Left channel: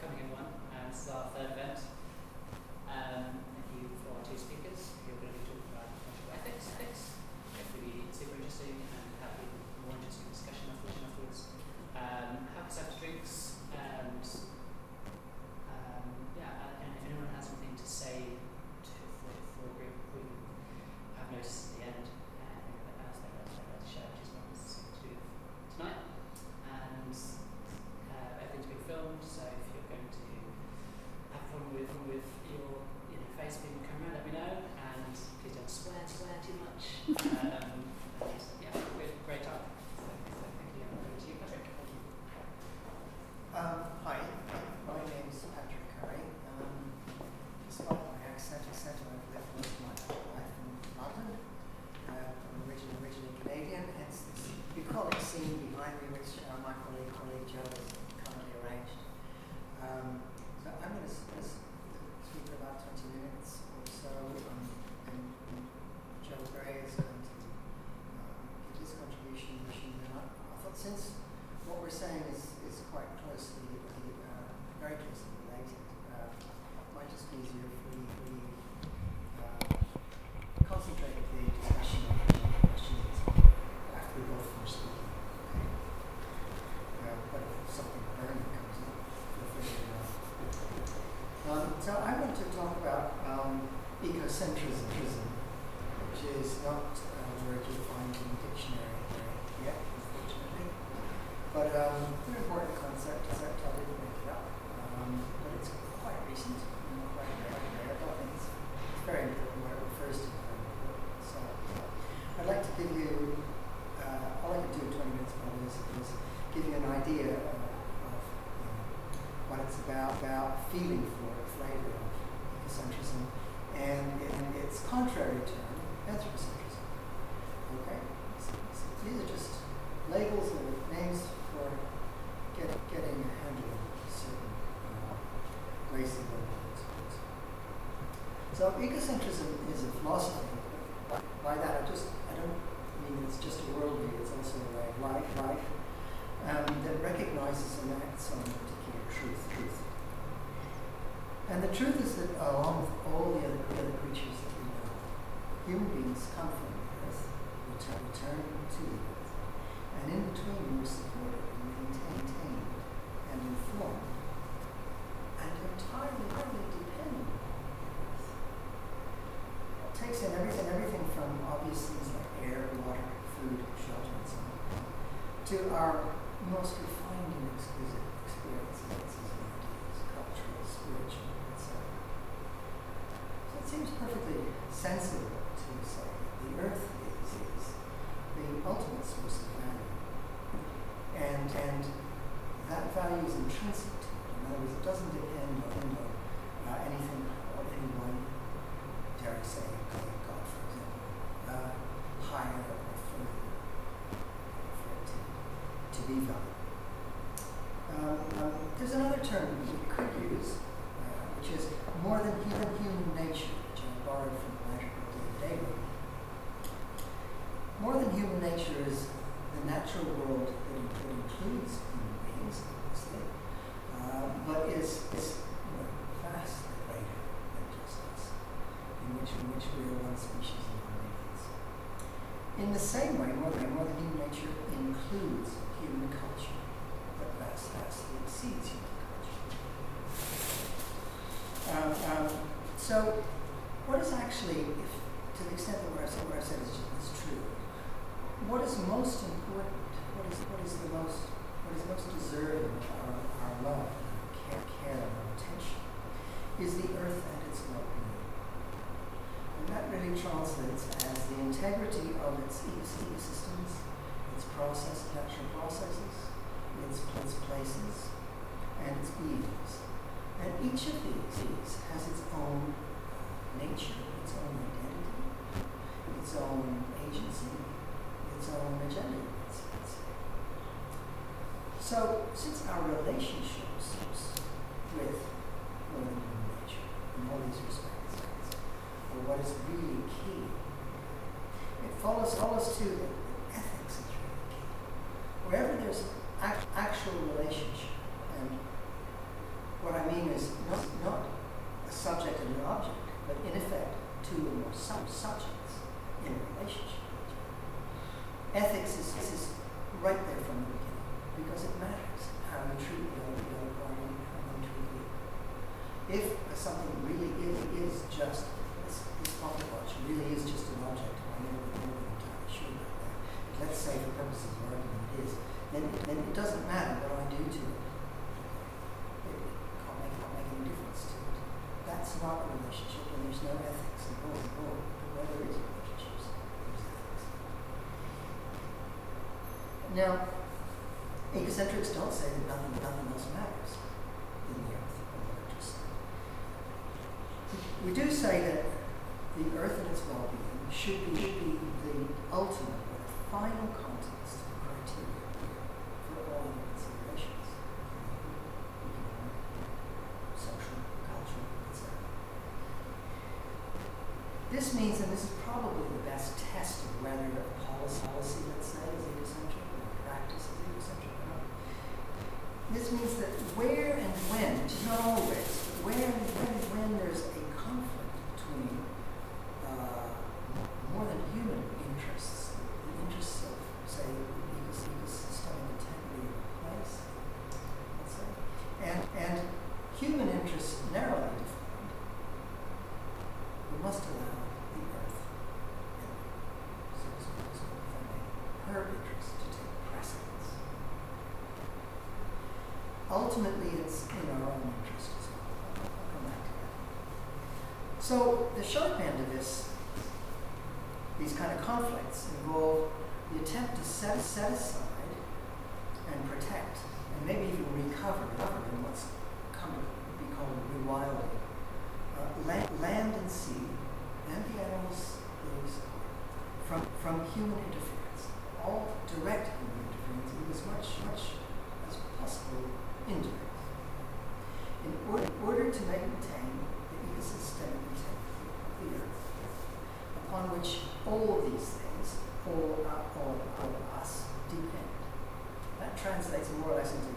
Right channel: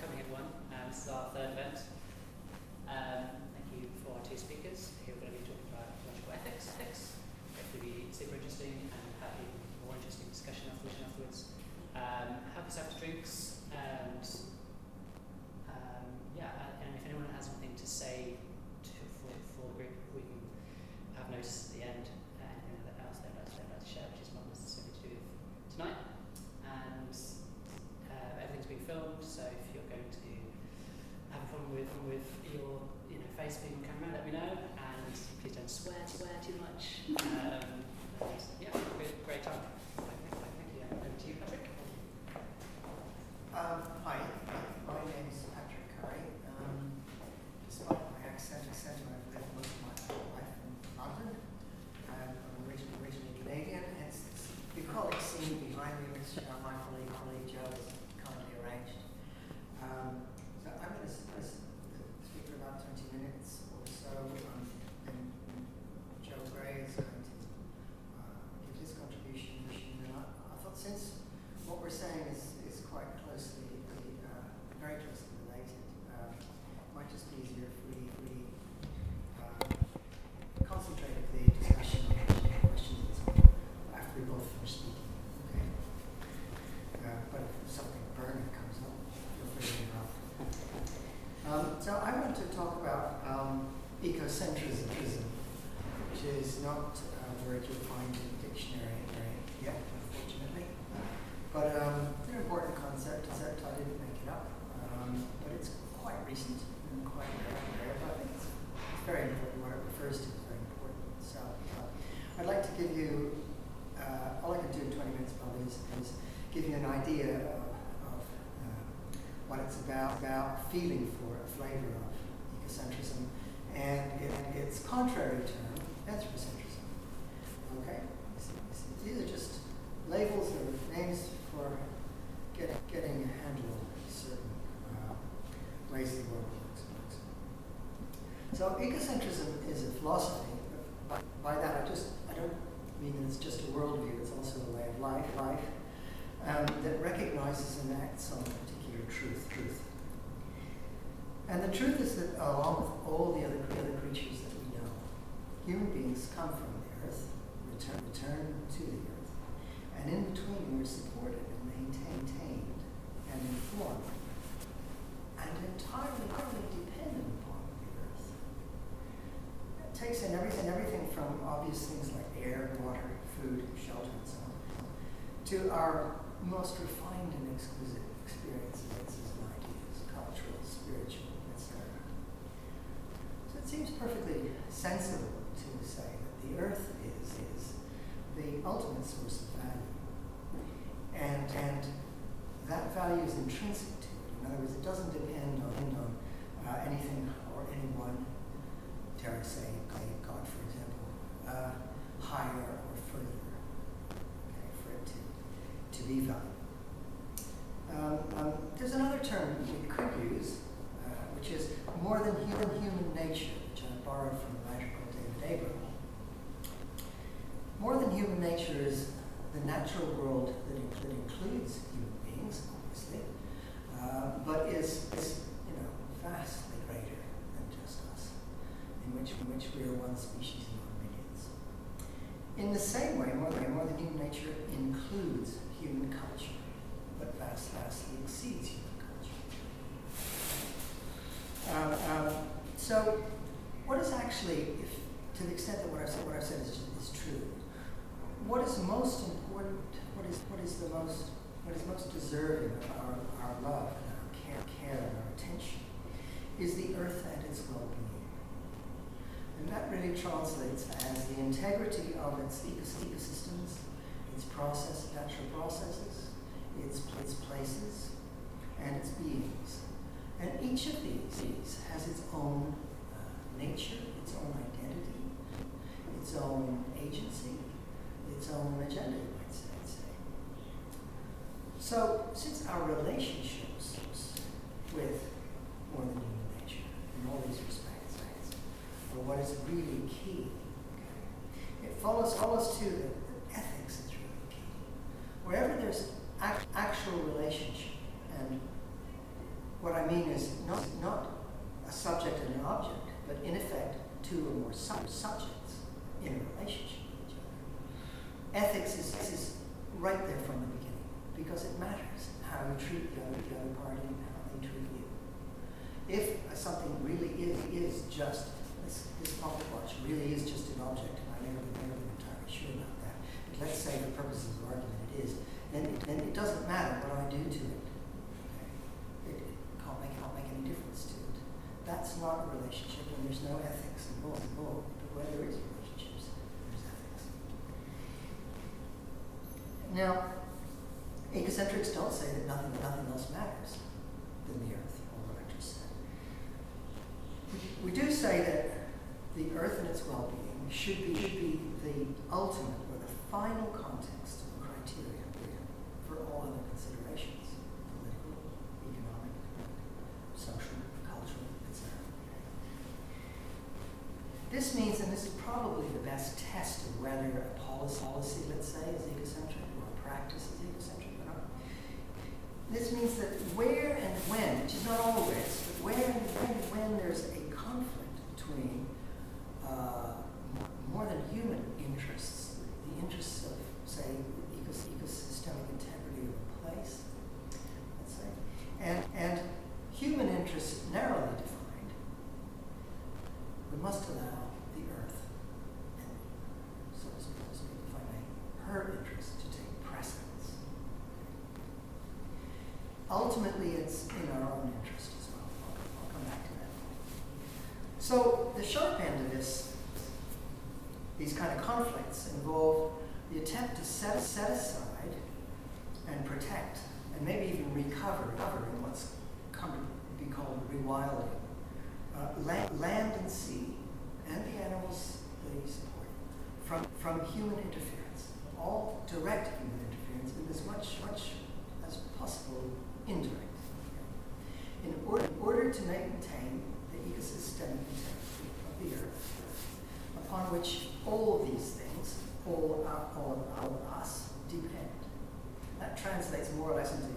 coming, everyone. This is our third event. Thank you for our two speakers who are going to be talking about ecological ethics. Hopefully be super interesting and have a more interesting discussion afterwards. Have yourself to drinks and and if anyone has something to say for a group, we can have notice at the end. Anything else they'd like to share, which is not necessarily to do with tonight. And everything's being filmed, so if you're going to have a problem with your face being camera, let me know, and please don't swear too much. And great time. So, thank you. Over to you, Patrick. Hi, my name is Patrick Curry. Despite my accent, I've lived most of my life in London. I'm originally Canadian, hence this bucolic scene behind me, which my colleague Joe has kindly arranged. So I'm going to speak for about 20 minutes or so, and Joe Gray is going to give his contribution. And I thought, since what we're saying is quite very closely related, it might just be easier if we concentrate the discussion on questions after we both finish speaking. Okay. But if something burning comes up, feel free to interrupt. So I want to talk about ecocentrism, which is not a word you'll find in the dictionary yet, unfortunately. But it's an important concept. I didn't make it up. But it's quite recent and quite rare. But I think it's very important. What it refers to is very important. So I'd like to give you, all I can do in 20 minutes probably is give you an idea of what it's about feeling for, a flavor of ecocentrism, and its contrary term, anthropocentrism. Okay? So these are just labels or names for getting a handle on certain ways the world works. So ecocentrism is a philosophy. By that, I don't mean that it's just a worldview. It's also a way of life that recognizes and acts on a particular truth. And the truth is that, along with all the other creatures that we know, human beings come from the earth, return to the earth, and in between we're supported and maintained and informed and entirely dependent upon the earth. It takes in everything from obvious things like air, water, food, shelter, and so on, to our most refined and exquisite experiences and ideas, cultural, spiritual, etc. So it seems perfectly sensible to say that the earth is the ultimate source of value. And that value is intrinsic to it. In other words, it doesn't depend on anything or anyone, dare I say, God, for example, higher or further, for it to be valued. There's another term we could use, which is more than human nature, which I borrowed from the writer called David Abram. More than human nature is the natural world that includes human beings, obviously, but is vastly greater than just us, in which we are one species among millions. In the same way, more than human nature includes human culture, but vastly exceeds human culture. So, what is actually, to the extent that what I've said is true, what is most important? What is most deserving of our love and our care and our attention is the earth and its well-being. And that really translates as the integrity of its ecosystems, its natural processes, its places, and its beings. And each of these has its own nature, its own identity, its own agency, its own agenda, you might say. So, since our relationships with more than human nature in all these respects are what is really key, it follows too that ethics is really key. Wherever there's actual relationship and What I mean is not a subject and an object, but in effect two or more subjects in a relationship with each other. Ethics is right there from the beginning because it matters how you treat the other party and how they treat you. If something really is just, this pocket watch really is just an object, I never been entirely sure about that, but let's say for purposes of argument it is, then it doesn't matter what I do to it. It can't make any difference to it. That's not a relationship, and there's no ethics involved. But where there is relationships, there's ethics. Now, ecocentrics don't say that nothing else matters than the Earth, or what I just said. We do say that the Earth and its well-being should be the ultimate or the final context criteria for all other considerations, political, economic, social, cultural, etc. This means, and this is probably the best test of whether a policy, let's say, is ecocentric or a practice is ecocentric or not. This means that where and when, which is not always, but where and when there's a conflict between more than human interests, the interests of, say, ecosystemic integrity of a place, let's say, and human interests narrowly defined, we must allow the Earth and, so to speak, if I may, her interests to take precedence. Ultimately, it's in our own interest as well. I'll come back to that. So the sharp end of these kind of conflicts involve the attempt to set aside and protect, and maybe even recover in what's come to be called rewilding, land and sea, and the animals they support, from human interference. All direct human interference, and as much as possible indirect, in order to maintain the ecosystemic integrity of the Earth, upon which all of these things, all of us, depend. That translates more or less into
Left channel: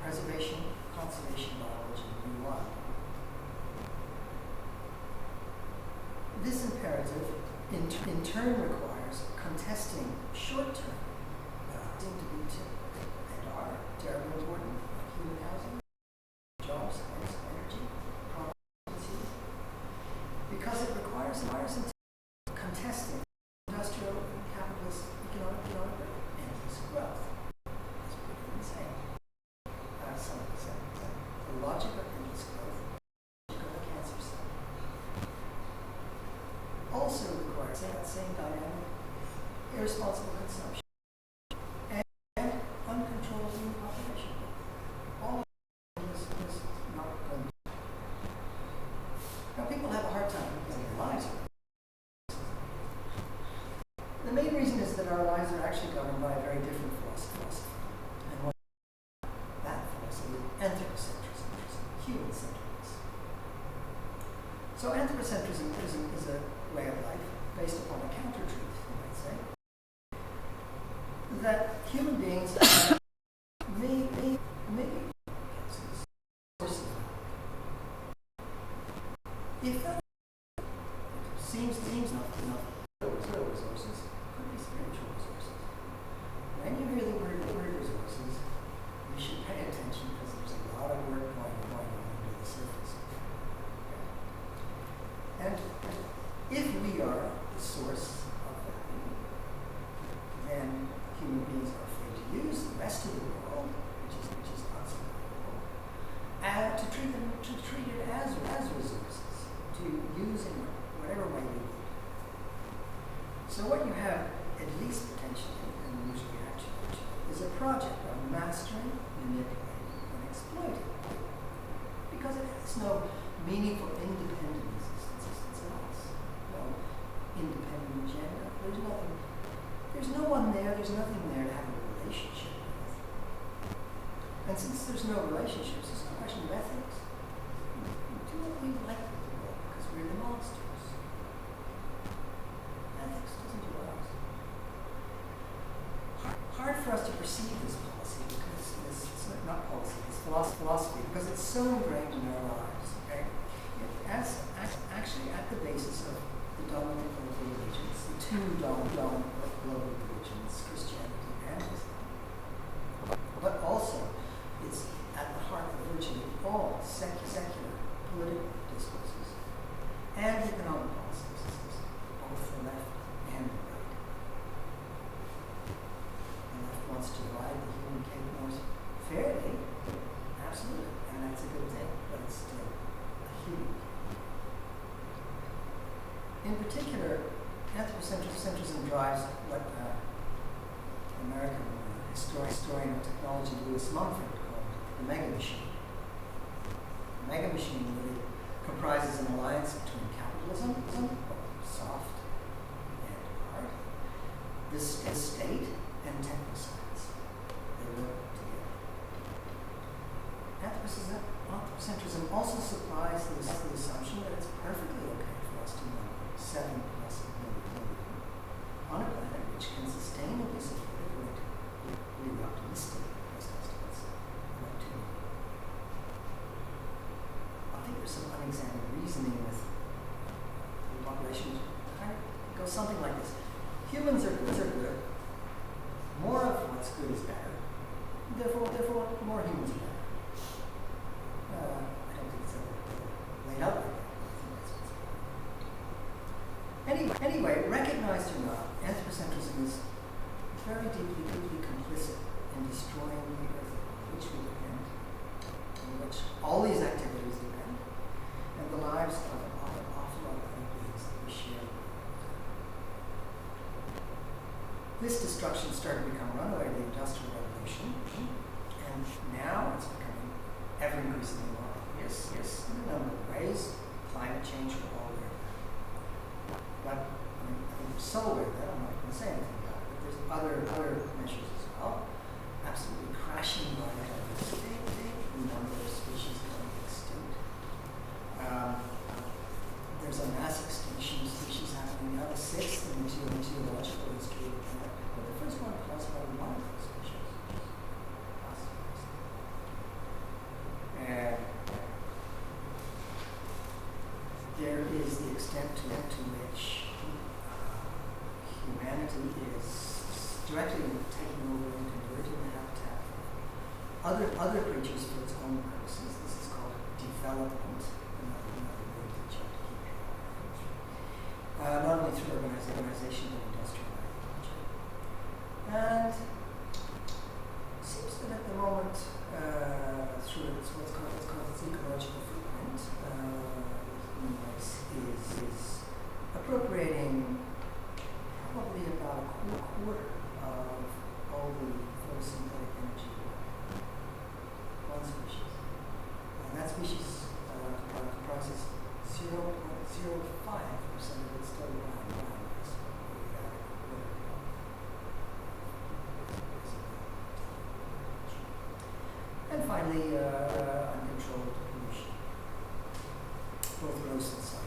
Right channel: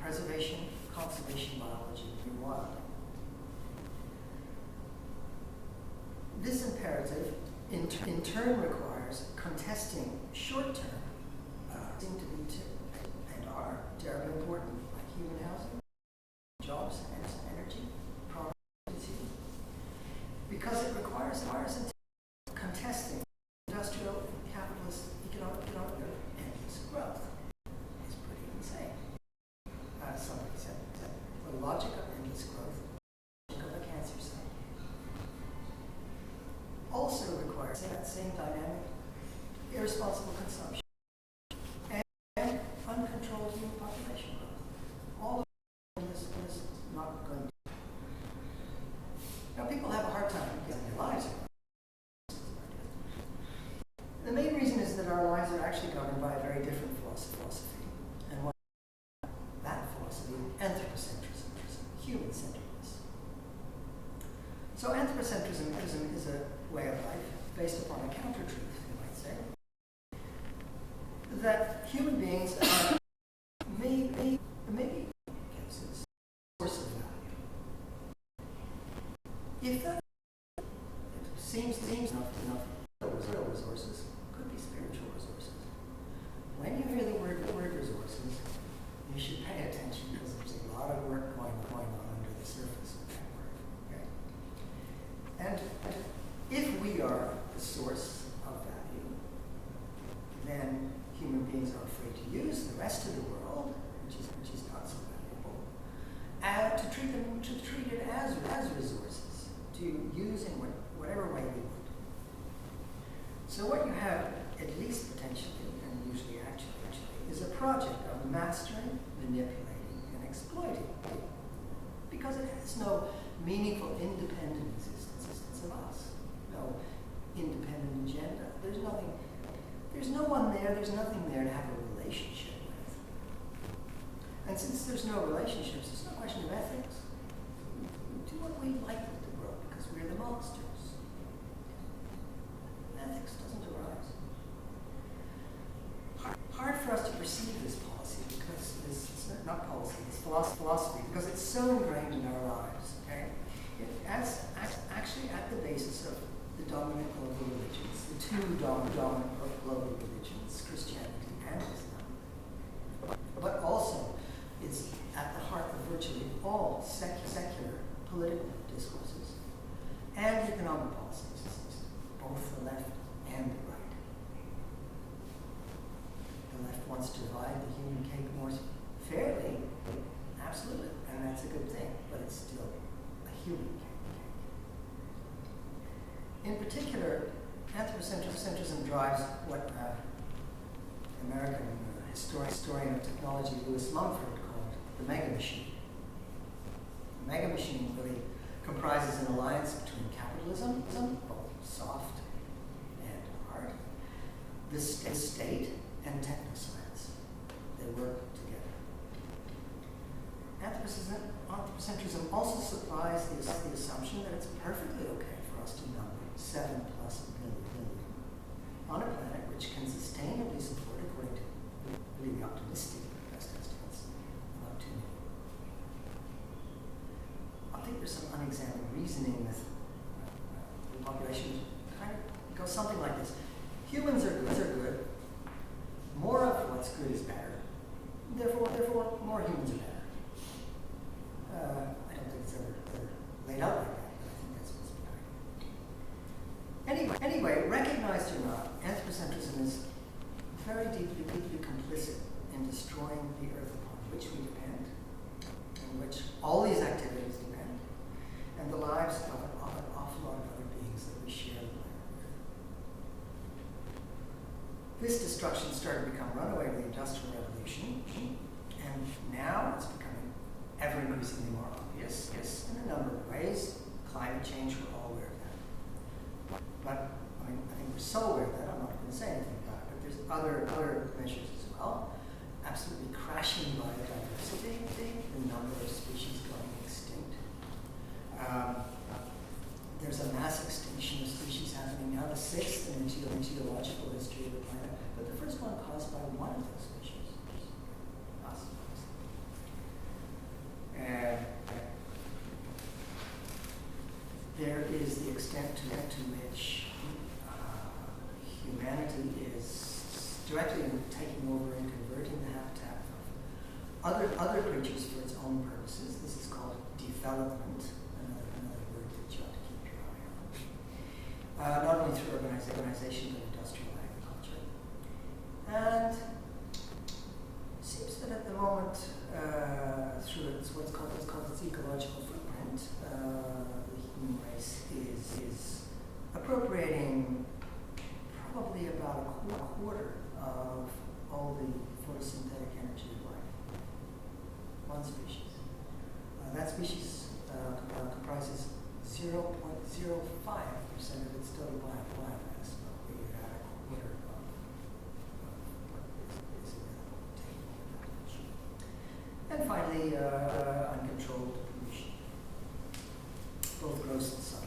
preservation, conservation, biology, and rewilding. This imperative in turn requires contesting short-term, seem to be and are terribly important, like human housing, jobs, energy, productivity, because it requires contesting industrial, capitalist, economic endless growth. It's pretty insane. Somebody said the logic of endless growth, the logic of a cancer cell, also requires that same dynamic, irresponsible consumption, and uncontrolled human population growth. All of this is not going to. Now, people have a hard time getting their lives around. The main reason is that our lives are actually governed by a very different philosophy. And what that philosophy is anthropocentrism, which is human-centeredness. So anthropocentrism is a way of life based upon a counter-truth, you might say, that human beings are maybe cases source of value. If that seems enough resources, could be spiritual resources. When you hear the word resources, you should pay attention because there's a lot of work going on under the surface of that word. Okay? And if we are the source of value, then human beings are free to use the rest of the world, which is not so valuable, to treat it as resources, to use in whatever way we need. So what you have, at least potentially, and usually actually, is a project of mastering, manipulating, and exploiting. Because it has no meaningful independent existence of us. No independent agenda. There's no one there, there's nothing there to have a relationship with. And since there's no relationships, it's no question of ethics. We do what we like with the world because we're the monsters. Ethics doesn't do ours. Hard for us to perceive this policy because this not policy, it's philosophy, because it's so ingrained in our lives. Okay, actually at the basis of the dominant global religions, the two dominant global religions, Christianity and Islam, but also it's at the heart of virtually all secular political discourses and economic policies, both the left and the right. The left wants to divide the human cake more fairly, absolutely, and that's a good thing, but it's still a human cake. In particular, anthropocentrism drives what American historian of technology Lewis Mumford called the mega machine. The mega machine really comprises an alliance between capitalism, both soft and hard, the state, and technoscience. They work together. Anthropocentrism also supplies the assumption that it's perfectly okay for us to number 7+ million on a planet which can sustainably support, according to really optimistic best estimates, about 2 million. I think there's some unexamined reasoning with the population which kind of goes something like this. Humans are good. More of what's good is better. Therefore, more humans are better. I don't think it's ever laid out like that, but I think that's what's behind it. Anyway, recognized or not, anthropocentrism is very deeply complicit in destroying the earth upon which we depend, on which all these activities depend, and the lives of an awful lot of other beings that we share with. This destruction started to become runaway with the Industrial Revolution, and now it's becoming ever increasingly more obvious in a number of ways. Climate change, we're all aware of that. But I think we're so aware of that, I'm not going to say anything about it, but there's other measures as well. Absolutely crashing biodiversity, the number of species going extinct. There's a mass extinction of species happening now, the sixth in the geological history of the planet, but the first one caused by one of those species, us. And there is the extent to which humanity is directly taking over and converting the habitat of other creatures for its own purposes. This is called development, another word that you have to keep your eye on. Not only through urbanization, but industrial agriculture. And it seems that at the moment, through what's called its ecological footprint, the human race is appropriating probably about a quarter of all the photosynthetic energy of life. One species. That species comprises 0.05% of its total biomass, but we have a quarter of is available. And finally, uncontrolled pollution, both gross and subtle.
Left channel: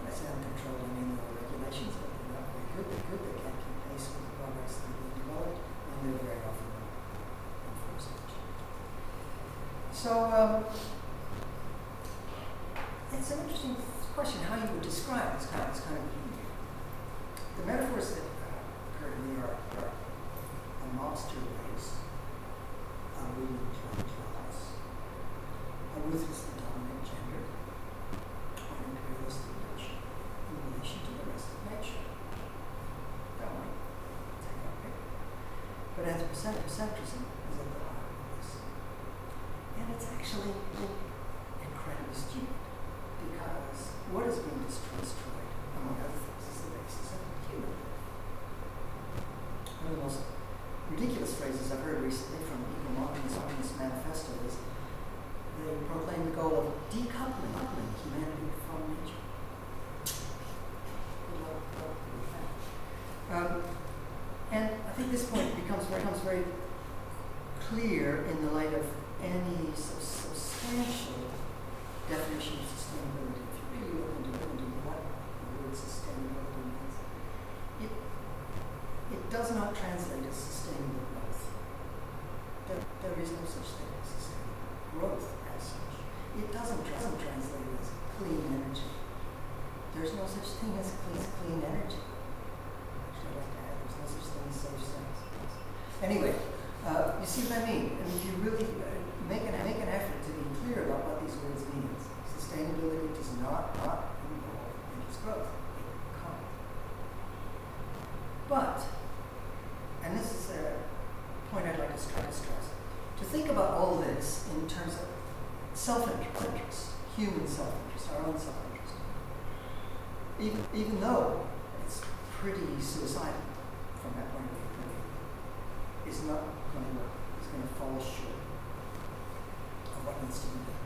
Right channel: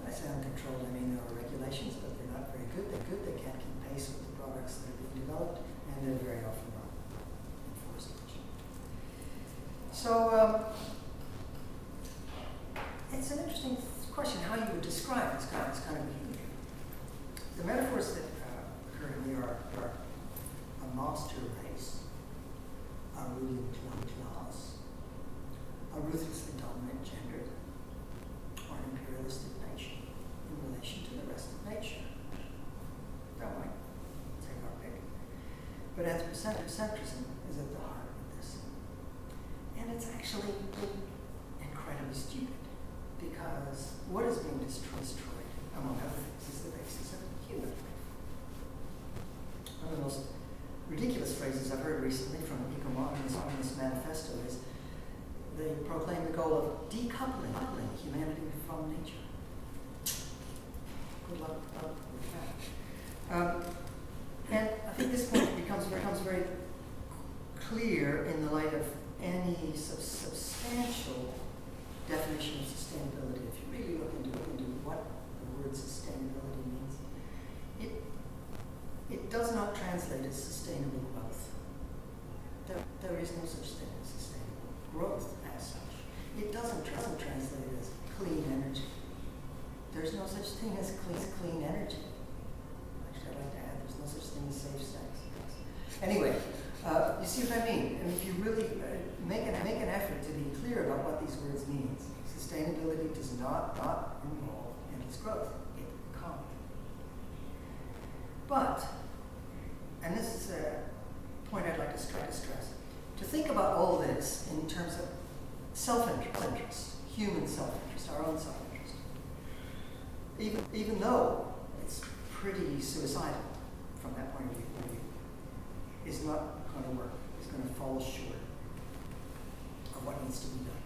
When I say uncontrolled, I mean there are regulations, but they're not very good. They can't keep pace with the products that are being developed, and they're very often not enforced. So it's an interesting question how you would describe this kind of behavior. The metaphors that occur to me are a monster race, a ruling class, a ruthlessly dominant gender, or an imperialistic nation in relation to the rest of nature. Don't we? Take our pick. But anthropocentrism is at the heart of this. And it's actually incredibly stupid, because what is being destroyed, among other things, is the basis of human life. One of the most ridiculous phrases I've heard recently from the Ecological manifesto is they proclaim the goal of decoupling humanity from nature. Good luck with that. And I think this point becomes very clear in the light of any substantial definition of sustainability. If you really look into what the word sustainability means, it does not translate as sustainable growth. there is no such thing as sustainable growth as such. It doesn't translate as clean energy. There's no such thing as clean energy. Actually, I'd like to add, there's no such thing as safe sex. Anyway, you see what I mean? And if you really make an effort to be clear about what these words mean, sustainability does not involve endless growth. It can't. But, and this is a point I'd like to stress, to think about all this in terms of self-interest, human self-interest, our own self-interest, even though it's pretty suicidal from that point of view, is not going to work. It's going to fall short of what needs to be done.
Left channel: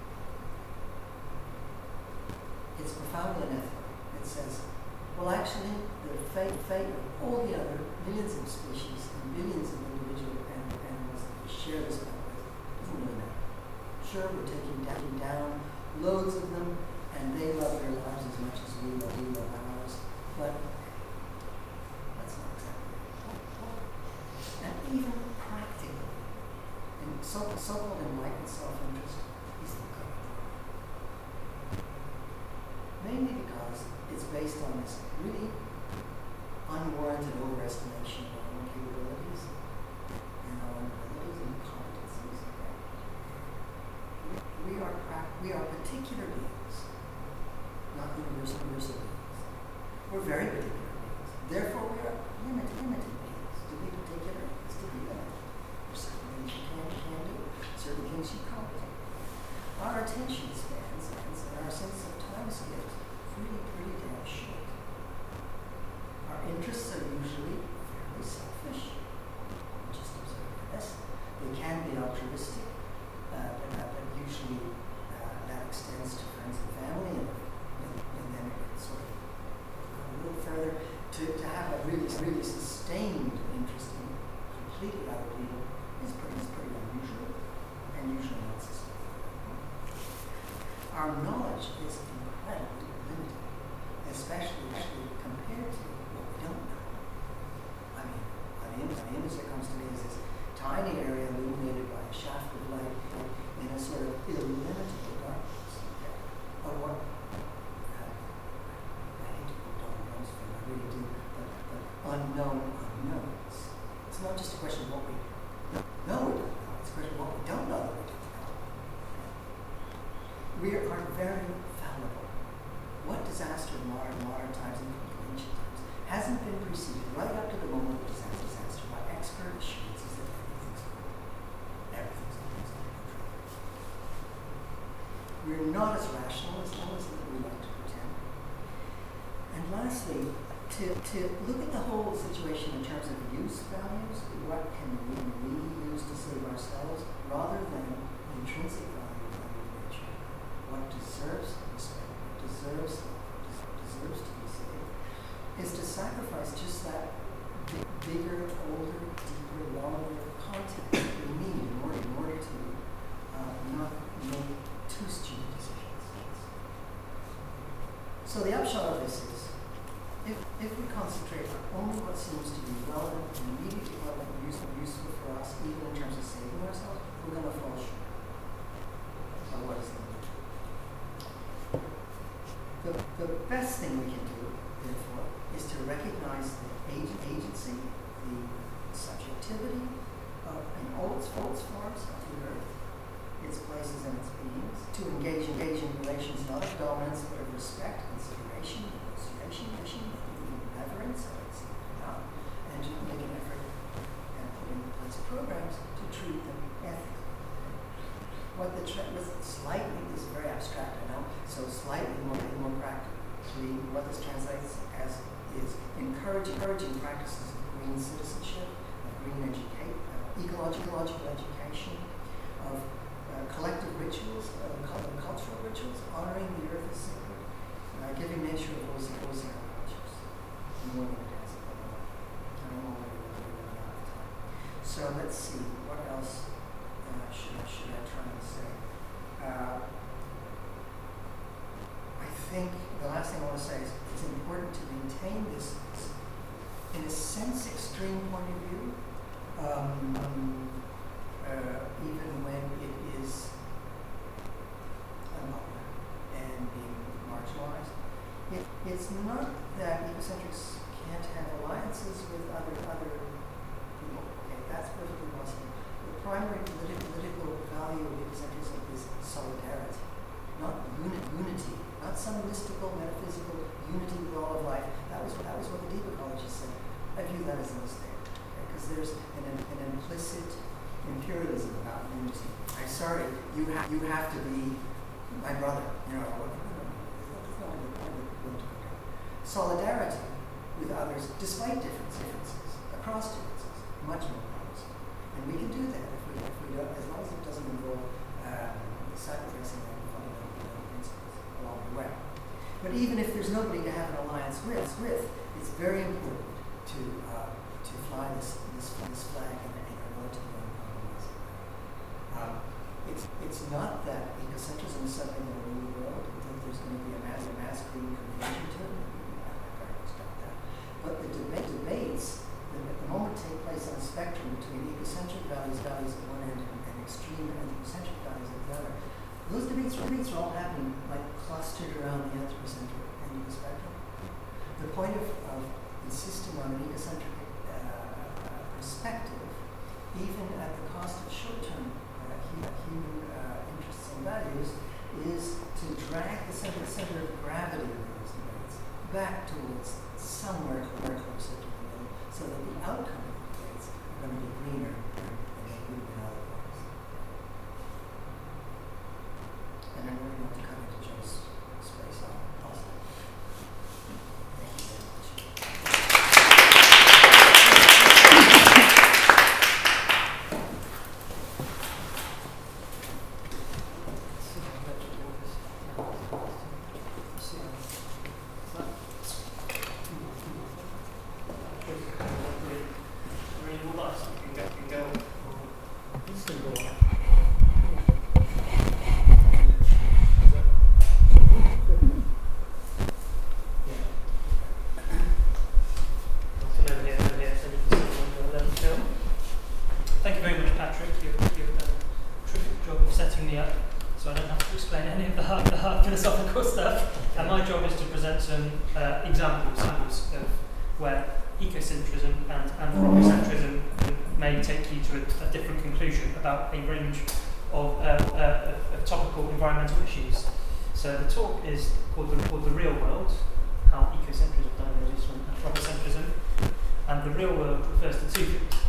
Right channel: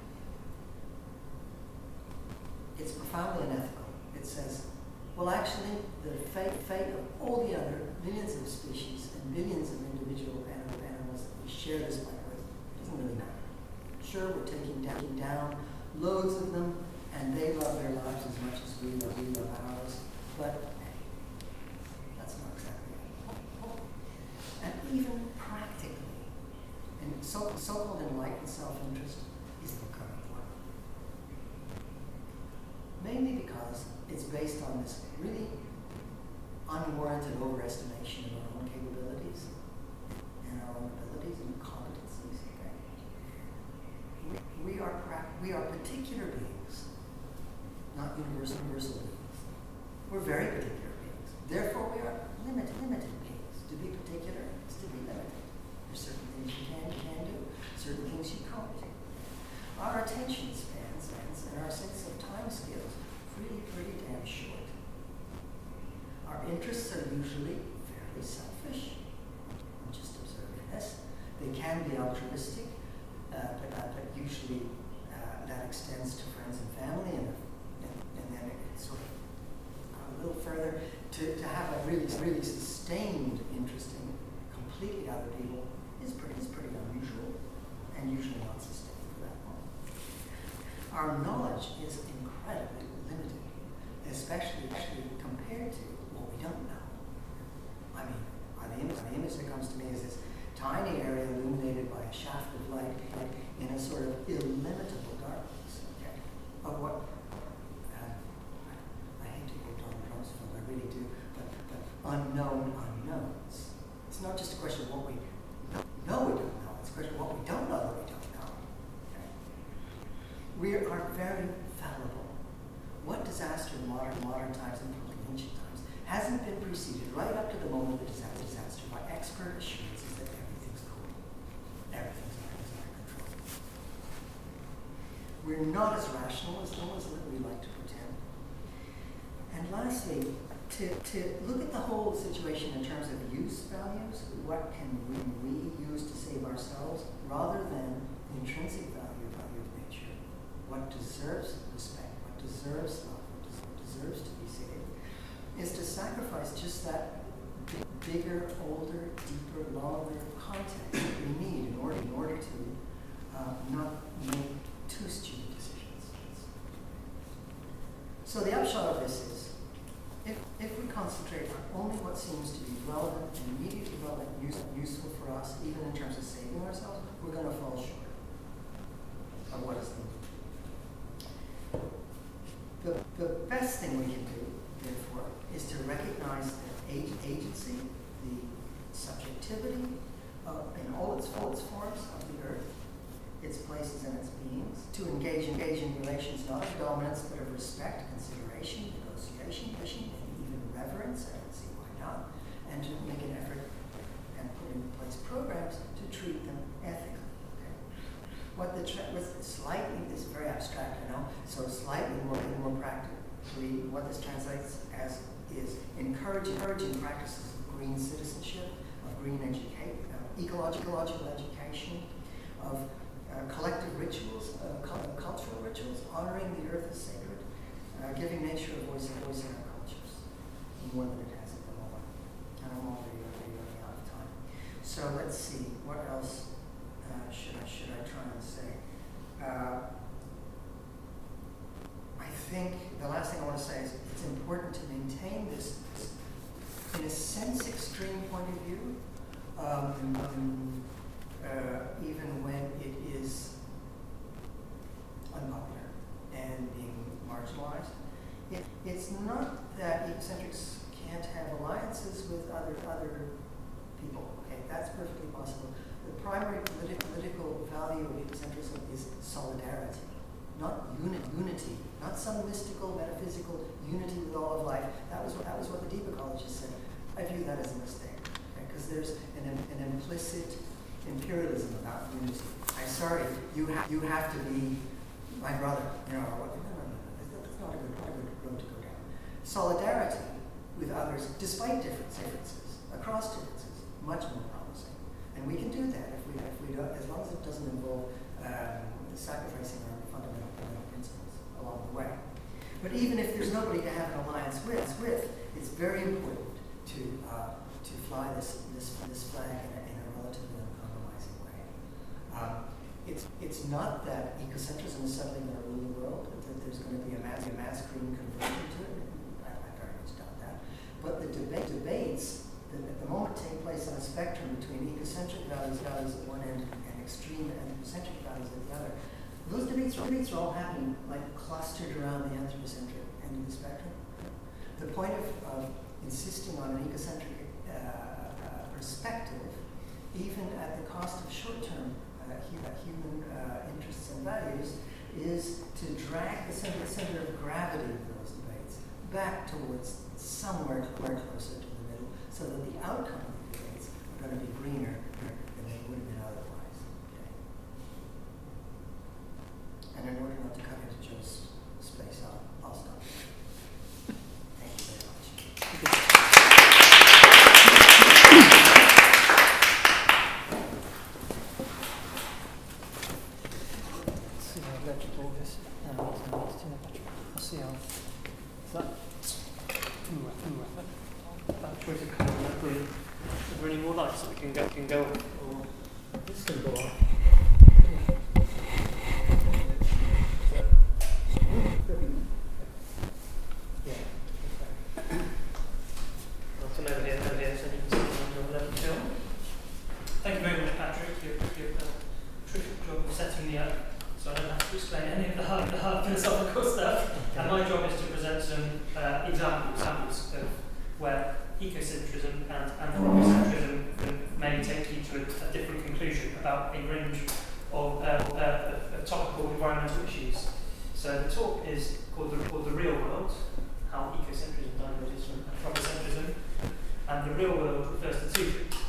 It's profoundly unethical. It says, well, actually, the fate of all the other millions of species and billions of individual animals that we share this planet with doesn't really matter. Sure, we're taking down loads of them, and they love their lives as much as we love ours, but that's not exactly it. And even practically, and so-called enlightened self-interest isn't going to work. Mainly because it's based on this really unwarranted overestimation of our own capabilities and our own abilities and competencies. Okay? We are particular beings, not universal beings. We're very particular beings. Therefore, we are limited beings. To be particular is to be limited. There's certain things you can do, certain things you can't do. Our attention spans and our sense of time scales really pretty damn short. Our interests are usually fairly selfish. We just observe this. They can be altruistic, but usually that extends to friends and family, and then it sort of a little further to have a really sustained interest in completely other people is pretty unusual and usually not sustainable. Our knowledge is incredibly limited, especially compared to what we don't know. I mean, the image that comes to me is this tiny area illuminated by a shaft of light in a sort of illimitable darkness. Okay? Of what I hate to quote Donald Rumsfeld, I really do, but unknown unknowns. It's not just a question of what we know we don't know, it's a question of what we don't know that we don't know. Okay? We are very fallible. What disaster in modern times and ancient times hasn't been preceded right up to the moment of disaster by expert assurances that everything's cool. Everything's under control. We're not as rational as we like to pretend. And lastly, to look at the whole situation in terms of use values, what can we use to save ourselves, rather than the intrinsic value of nature, what deserves respect, what deserves love, what deserves to be saved, is to sacrifice just that bigger, older, deeper, longer context that we need in order to not make too stupid decisions. So the upshot of this is, if we concentrate on only what seems to be relevant and immediately relevant and useful for us, even in terms of saving ourselves, we're going to fall short of what is needed. The best thing we can do, therefore, is to recognize the agency, the subjectivity in all its forms of the earth, its places and its beings, to engage in relations not of dominance but of respect, consideration, negotiation, even reverence, I don't see why not, and to make an effort and put in place programs to treat them ethically. Okay? With slightly, this is very abstract, I know, so slightly more practically, what this translates as is encouraging practices of green citizenship, of green ecological education, of collective rituals, cultural rituals, honoring the earth as sacred, giving nature a voice in our cultures, more than it has at the moment. And I'm already running out of time. So let's see, what else should I try and say? I think the last thing I want to say is it's important to maintain this in a sense extreme point of view, even when it is unpopular and being marginalized. It's not that ecocentrics can't have alliances with other people. Okay, that's perfectly possible. The primary political value of ecocentrism is solidarity, not unity, not some mystical, metaphysical unity with all of life. That was what the deep ecologists said. I view that as a mistake, because there's an implicit imperialism about unity. I'm sorry, you have to be my brother. You know, no, that's not a good road to go down. Solidarity with others, despite differences, across differences, much more promising. And we can do that if we don't, as long as it doesn't involve sacrificing our fundamental principles along the way. But even if there's nobody to have an alliance with, it's very important to fly this flag in a relatively uncompromising way. It's not that ecocentrism is suddenly going to rule the world, that there's going to be a mass green conversion to it. I very much doubt that. But the debates that at the moment take place on a spectrum between ecocentric values at one end and extreme anthropocentric values at the other, those debates are all happening like clustered around the anthropocentric end of the spectrum. The point of insisting on an ecocentric perspective, even at the cost of short-term human interests and values, is to drag the center of gravity of those debates back towards somewhere closer to the middle, so that the outcome of the debates are going to be greener than they would have been otherwise. And in order not to cut into Joe's space, I'll stop. Thank you very much. Thank you very much, Patrick. You've done a terrific job of setting me up, so I don't have to explain any of the hard philosophical stuff. And my job is to present some examples of where ecocentrism and anthropocentrism may take you to a different conclusion about a range of topical environmental issues. So the talk is called the Real World: How Ecocentrism Diverges from Anthropocentrism. And the real world refers to two things.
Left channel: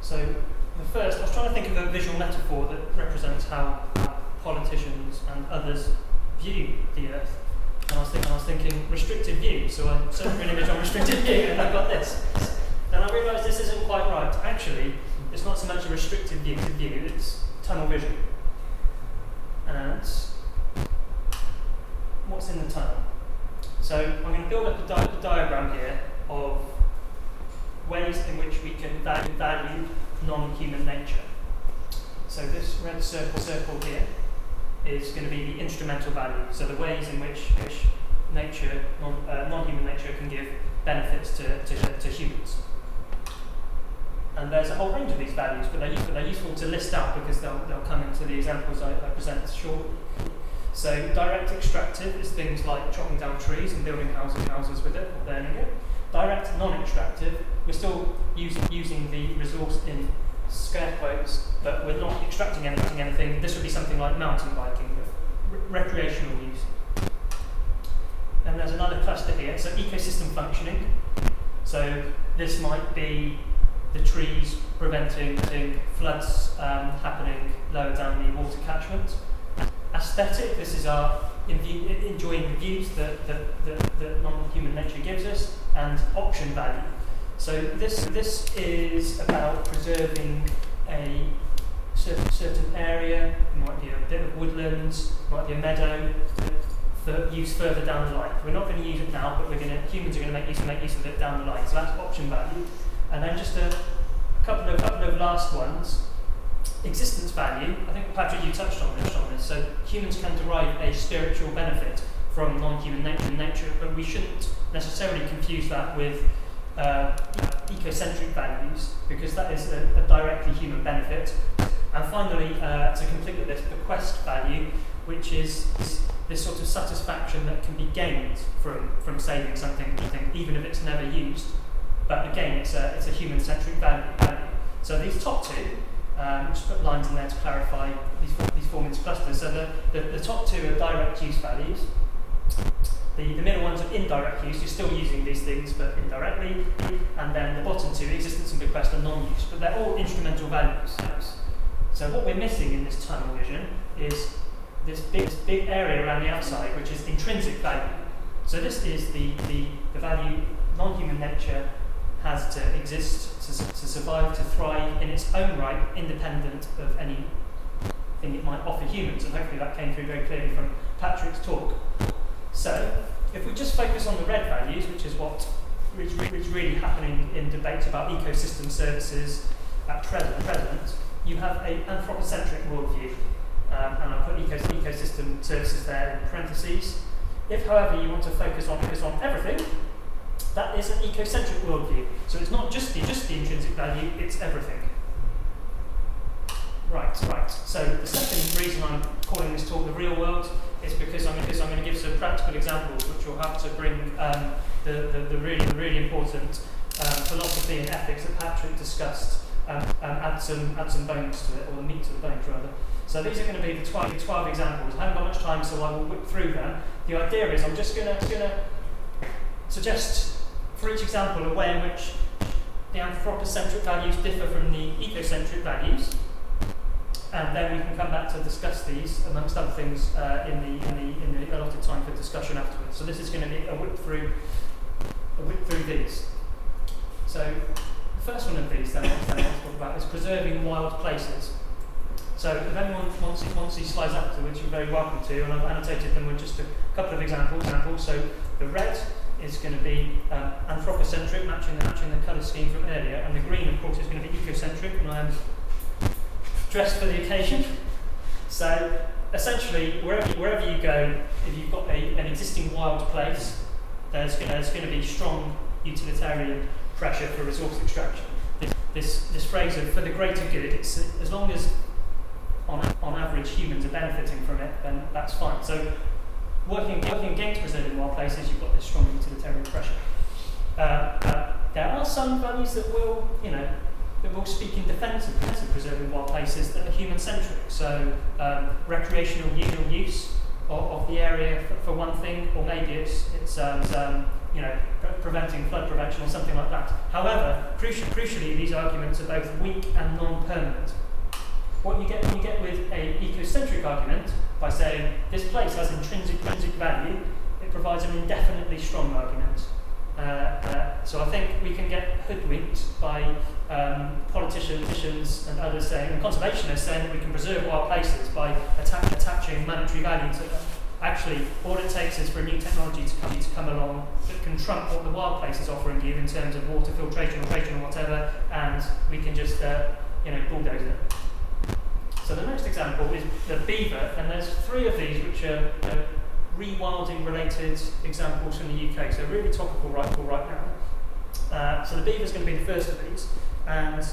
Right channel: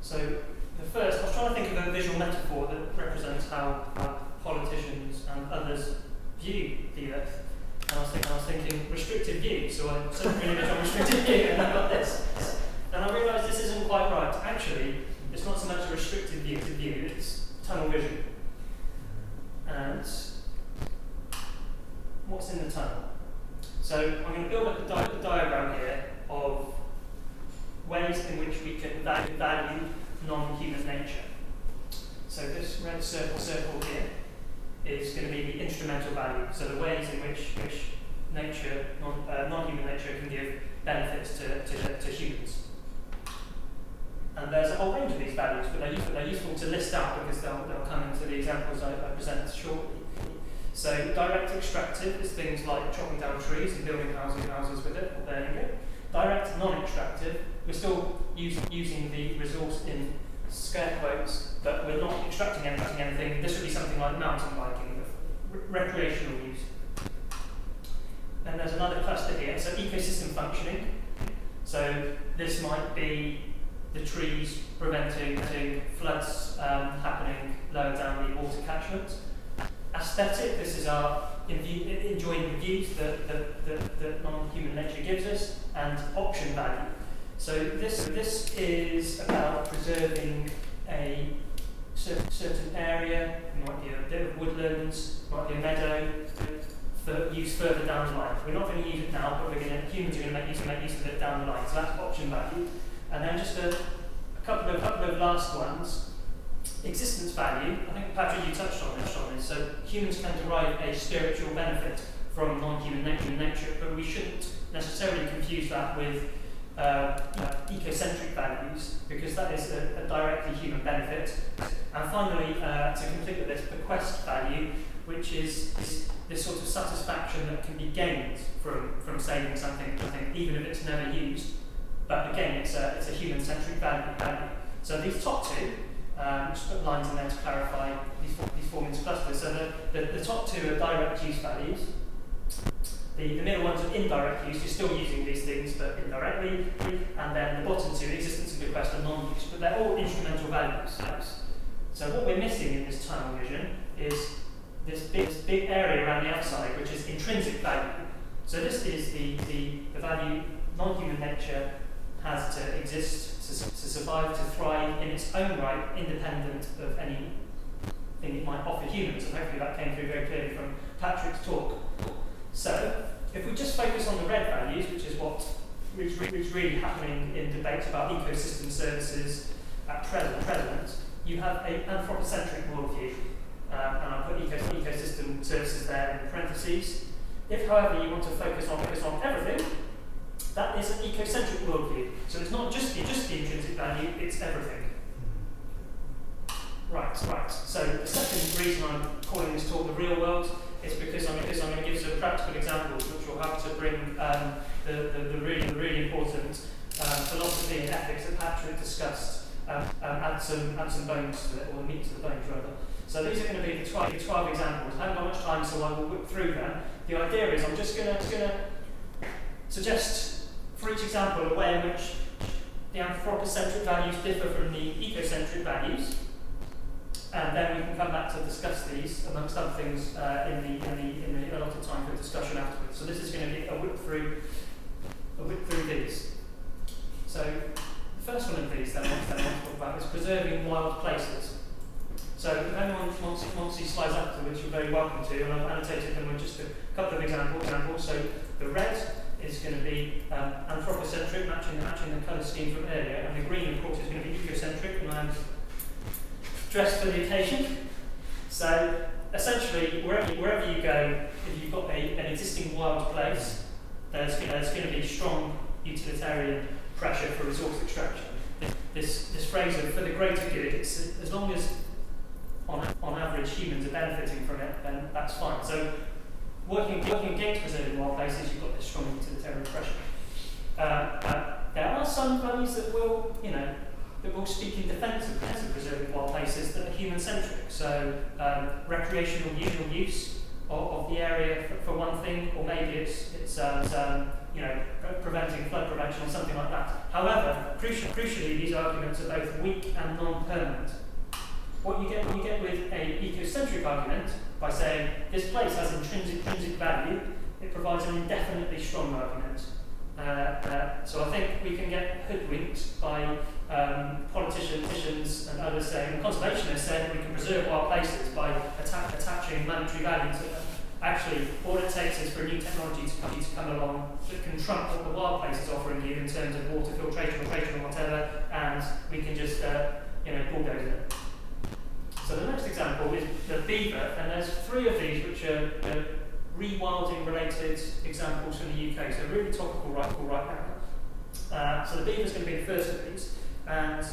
So the first, I was trying to think of a visual metaphor that represents how politicians and others view the Earth. And I was thinking restricted view, so I searched an image on restricted view and I got this. And I realised this isn't quite right. Actually, it's not so much a restricted view, it's tunnel vision. And what's in the tunnel? So I'm going to build up a diagram here of ways in which we can value non-human nature. So this red circle here is going to be the instrumental value. So the ways in which nature, non-human nature, can give benefits to humans. And there's a whole range of these values, but they're useful to list out because they'll come into the examples I present shortly. So direct extractive is things like chopping down trees and building houses with it or burning it. Direct non-extractive, we're still using the resource in scare quotes, but we're not extracting anything. This would be something like mountain biking, recreational use. And there's another cluster here, so ecosystem functioning. So this might be the trees preventing floods happening lower down the water catchment. Aesthetic, this is our enjoying the views that non-human nature gives us, and option value. So this is about preserving a certain area. It might be a bit of woodlands, might be a meadow, for use further down the line. We're not going to use it now, but humans are going to make use of it down the line. So that's option value. And then just a couple of last ones. Existence value, I think Patrick, you touched on this. So humans can derive a spiritual benefit from non-human nature, but we shouldn't necessarily confuse that with ecocentric values, because that is a directly human benefit. And finally, to complete the list, bequest value, which is this sort of satisfaction that can be gained from saving something, even if it's never used. But again, it's a human-centric value. So these top two, just put lines in there to clarify, these form into clusters. So the top two are direct use values. The middle ones are indirect use. You're still using these things, but indirectly. And then the bottom two, existence and bequest, are non-use. But they're all instrumental values. So what we're missing in this tunnel vision is this big area around the outside, which is intrinsic value. So this is the value non-human nature has to exist, to survive, to thrive in its own right, independent of anything it might offer humans. And hopefully that came through very clearly from Patrick's talk. So if we just focus on the red values, which is what is really happening in debates about ecosystem services at present, you have an anthropocentric worldview, and I put ecosystem services there in parentheses. If, however, you want to focus on everything, that is an ecocentric worldview. So it's not just the intrinsic value; it's everything. Right. So the second reason I'm calling this talk the real world is because I'm going to give some practical examples, which will have to bring the really important philosophy and ethics that Patrick discussed. Add some bones to it, or meat to the bones rather. So these are going to be the 12 examples. I haven't got much time, so I will whip through them. The idea is I'm just going to suggest for each example a way in which the anthropocentric values differ from the ecocentric values, and then we can come back to discuss these amongst other things in the allotted time for discussion afterwards. So this is going to be a whip through these. So the first one of these that I want to talk about is preserving wild places. So if anyone wants these slides afterwards, you're very welcome to, and I've annotated them with just a couple of examples. So the red is going to be anthropocentric, matching the colour scheme from earlier, and the green, of course, is going to be ecocentric, and I am dressed for the occasion. So essentially, wherever you go, if you've got an existing wild place, there's going to be strong utilitarian pressure for resource extraction. This phrase of for the greater good, it's as long as on average humans are benefiting from it, then that's fine. So working against preserving wild places, you've got this strong utilitarian pressure. There are some values that will speak in defence of preserving wild places that are human-centric. So recreational use of the area for one thing, or maybe it's preventing flood prevention or something like that. However, crucially, these arguments are both weak and non-permanent. What you get with an ecocentric argument, by saying this place has intrinsic value, it provides an indefinitely strong argument. So I think we can get hoodwinked by politicians and others saying, and conservationists saying that we can preserve wild places by attaching monetary value to them. Actually, all it takes is for a new technology to come along that can trump what the wild place is offering you in terms of water filtration or whatever, and we can just bulldoze it. So the next example is the beaver, and there's 3 of these which are rewilding related examples from the UK, so really topical right now. So the beaver is going to be the first of these, and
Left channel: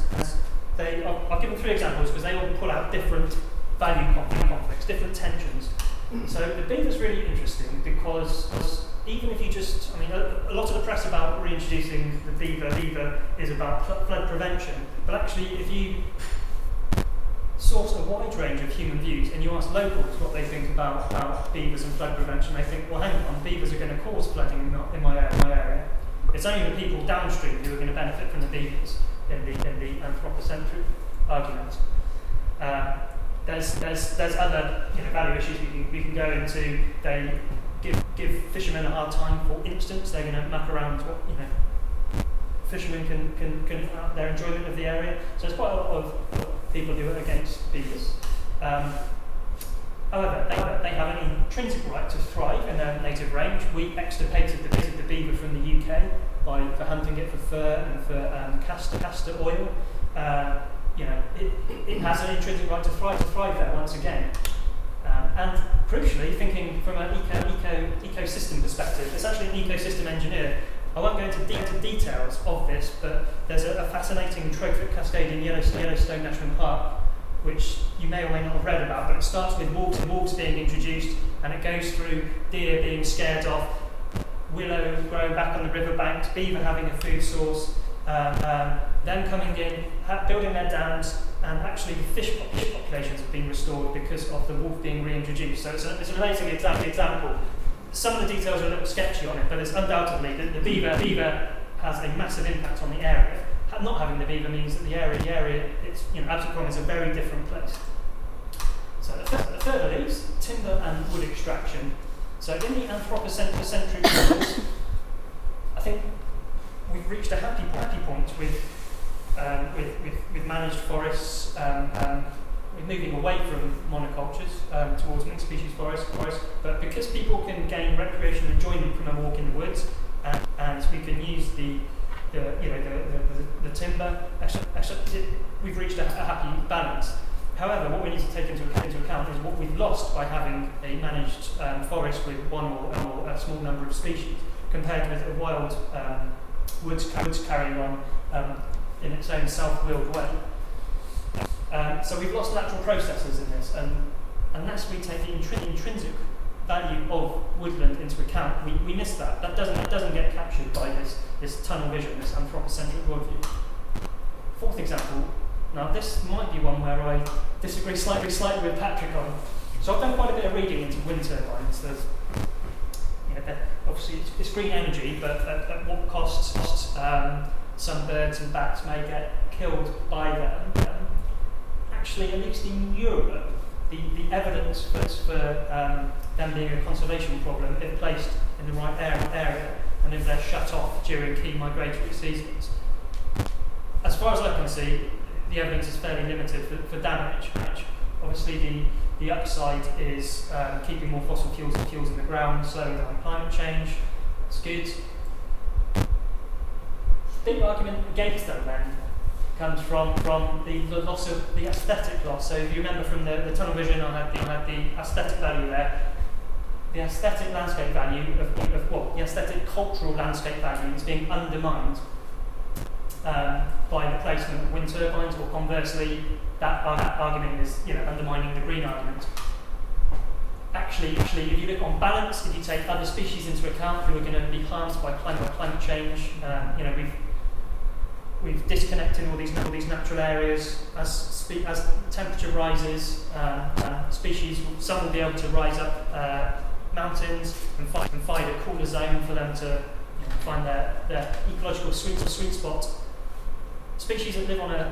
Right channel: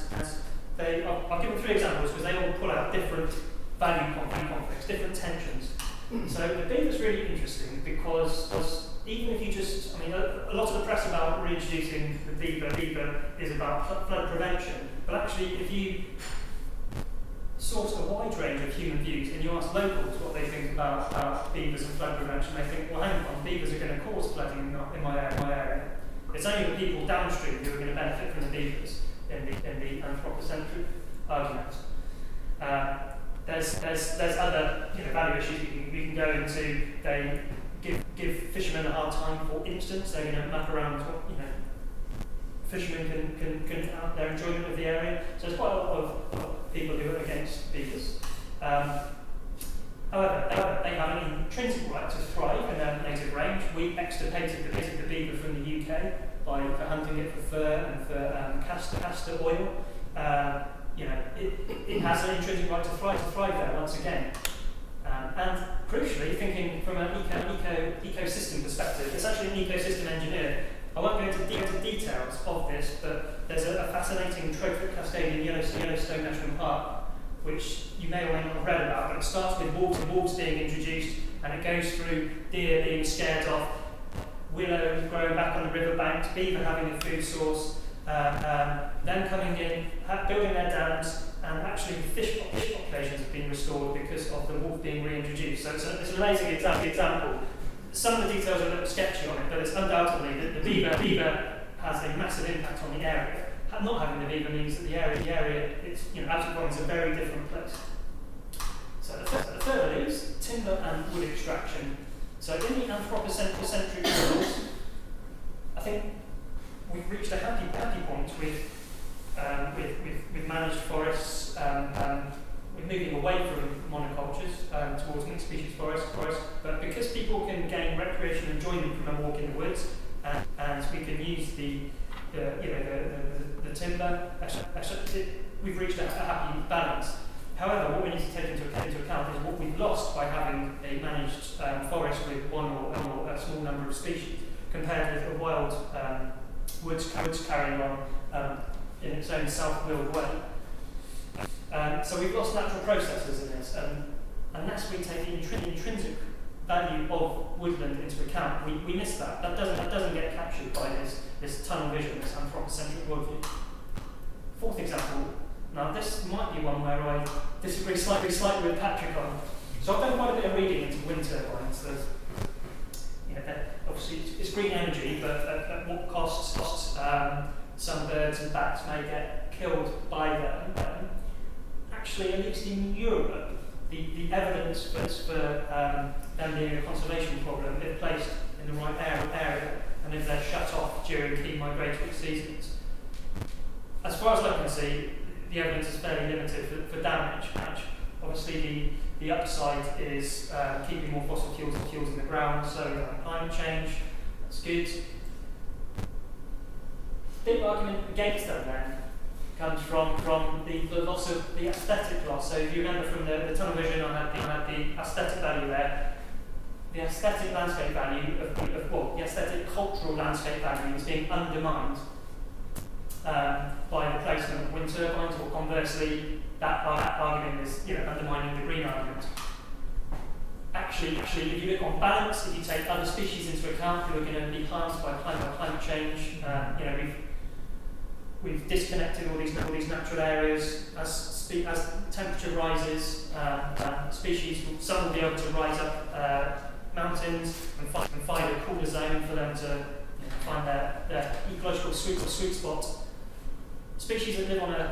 I've given 3 examples because they all pull out different value conflicts, different tensions. So the beaver is really interesting because even if you a lot of the press about reintroducing the beaver is about flood prevention, but actually if you source a wide range of human views and you ask locals what they think about beavers and flood prevention, they think, well, hang on, beavers are going to cause flooding in my area. It's only the people downstream who are going to benefit from the beavers in the anthropocentric argument. There's other value issues we can go into. They give fishermen a hard time. For instance, they're going to map around what fishermen can their enjoyment of the area. So there's quite a lot of people who are against beavers. However, they have an intrinsic right to thrive in their native range. We extirpated the beaver from the UK for hunting it for fur and for castor oil. It has an intrinsic right to thrive there once again. And crucially, thinking from an ecosystem perspective, it's actually an ecosystem engineer. I won't go into details of this, but there's a fascinating trophic cascade in Yellowstone National Park, which you may or may not have read about, but it starts with wolves being introduced, and it goes through deer being scared off, willow growing back on the riverbanks, beaver having a food source, them coming in, building their dams, and actually the fish populations have been restored because of the wolf being reintroduced. So it's an amazing example. Some of the details are a little sketchy on it, but it's undoubtedly that the beaver has a massive impact on the area. Not having the beaver means that the area, it's, Absent Pond is a very different place. So the further is timber and wood extraction. So in the anthropocentric models, I think we've reached a happy point with managed forests. We're moving away from monocultures towards mixed species forests. But because people can gain recreational enjoyment from a walk in the woods, and we can use the timber, we've reached a happy balance. However, what we need to take into account is what we've lost by having a managed forest with one or a small number of species, compared with a wild woods carrying on in its own self-willed way. So we've lost natural processes in this, and unless we take the intrinsic value of woodland into account, we miss that. That doesn't get captured by this tunnel vision, this anthropocentric worldview. Fourth example. Now this might be one where I disagree slightly with Patrick on. So I've done quite a bit of reading into wind turbines. Obviously it's green energy, but at what cost? Some birds and bats may get killed by them. Actually, at least in Europe, the evidence for them being a conservation problem if placed in the right area and if they're shut off during key migratory seasons. As far as I can see, the evidence is fairly limited for damage. Obviously, the upside is keeping more fossil fuels in the ground, so climate change, that's good. Big argument against them then comes from the loss of the aesthetic loss. So if you remember from the tunnel vision, I had the aesthetic value there. The aesthetic landscape value the aesthetic cultural landscape value is being undermined by the placement of wind turbines, or conversely, that argument is undermining the green argument. Actually, if you look on balance, if you take other species into account who are going to be harmed by climate change, we've disconnected all these natural areas. As temperature rises, species, some will be able to rise up mountains and find a cooler zone for them to find their ecological sweet spot. Species that live on a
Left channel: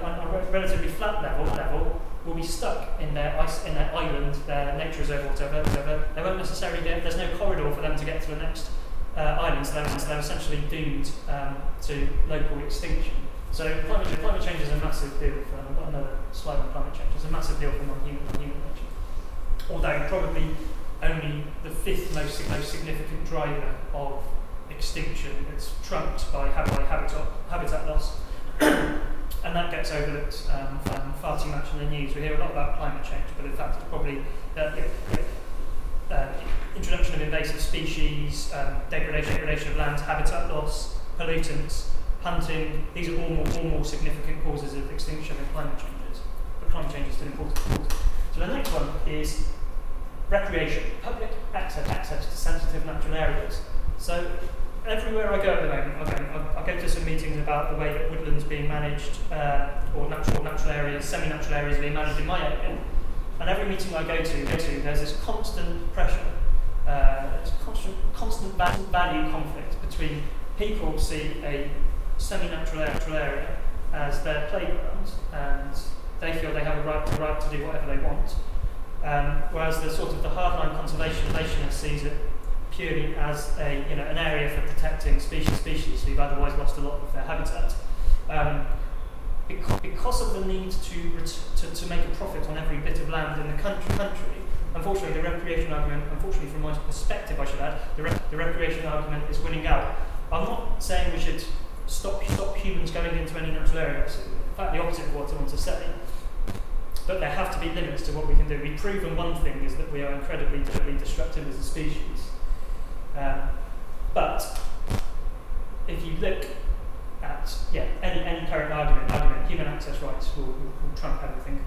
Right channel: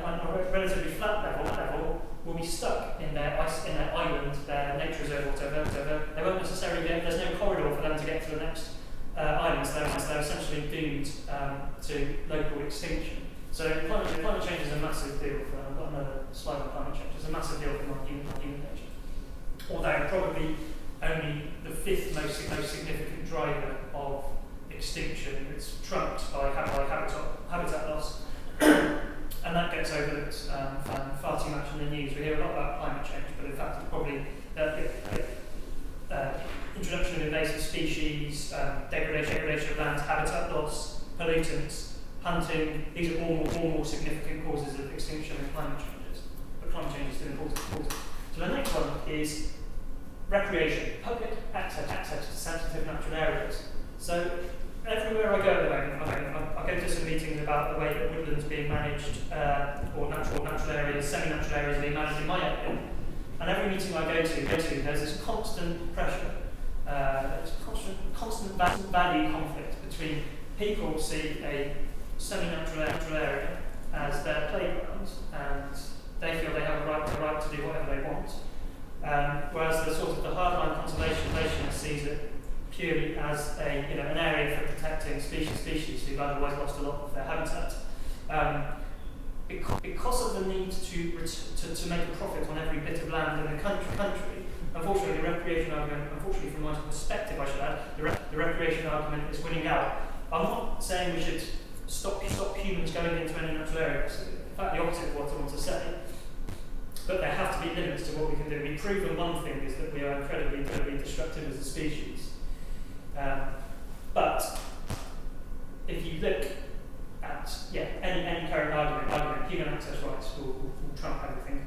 relatively flat level will be stuck in their island, their nature reserve, whatever. They won't necessarily there's no corridor for them to get to the next island, so they're essentially doomed to local extinction. So climate change is a massive deal for, I've got another slide on climate change, it's a massive deal for non-human nature. Although probably only the fifth most significant driver of extinction. It's trumped by habitat loss. And that gets overlooked far too much in the news. We hear a lot about climate change, but in fact it's probably introduction of invasive species, degradation of land, habitat loss, pollutants, hunting. These are all more significant causes of extinction than climate changes. But climate change is still important. So the next one is recreation, public access to sensitive natural areas. So everywhere I go at the moment, I go to some meetings about the way that woodland's being managed, or natural areas, semi-natural areas being managed in my area. And every meeting I go to, there's this constant pressure, there's constant value conflict between people see a semi-natural area as their playground, and they feel they have a right to do whatever they want. Whereas the hardline conservationist sees it purely as an area for protecting species who've otherwise lost a lot of their habitat. Because of the need to make a profit on every bit of land in the country, unfortunately, the recreation argument, from my perspective, I should add, the recreation argument is winning out. I'm not saying we should stop humans going into any natural areas. In fact, the opposite of what I want to say. But there have to be limits to what we can do. We've proven one thing is that we are incredibly destructive as a species. But if you look at any current argument, human access rights will trump everything.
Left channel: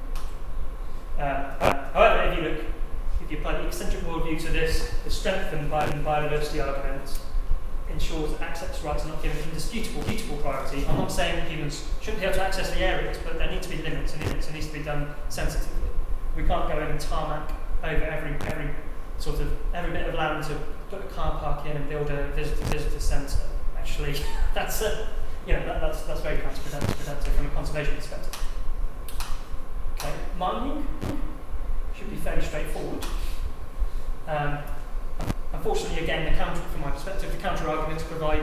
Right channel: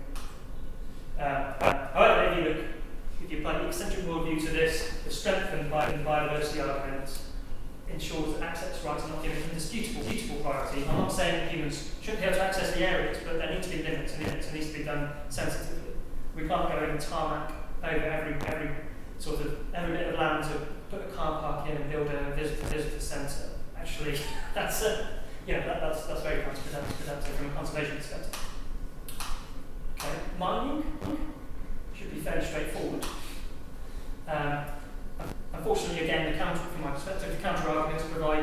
However, if you apply the eccentric worldview to this, the strengthened biodiversity argument ensures that access rights are not given indisputable priority. I'm not saying that humans shouldn't be able to access the areas, but there need to be limits, and it needs to be done sensitively. We can't go in and tarmac over every bit of land to put a car park in and build a visitor centre. Actually, that's very counterproductive from a conservation perspective. Okay, mining should be fairly straightforward. Unfortunately, again, from my perspective, the counter arguments provide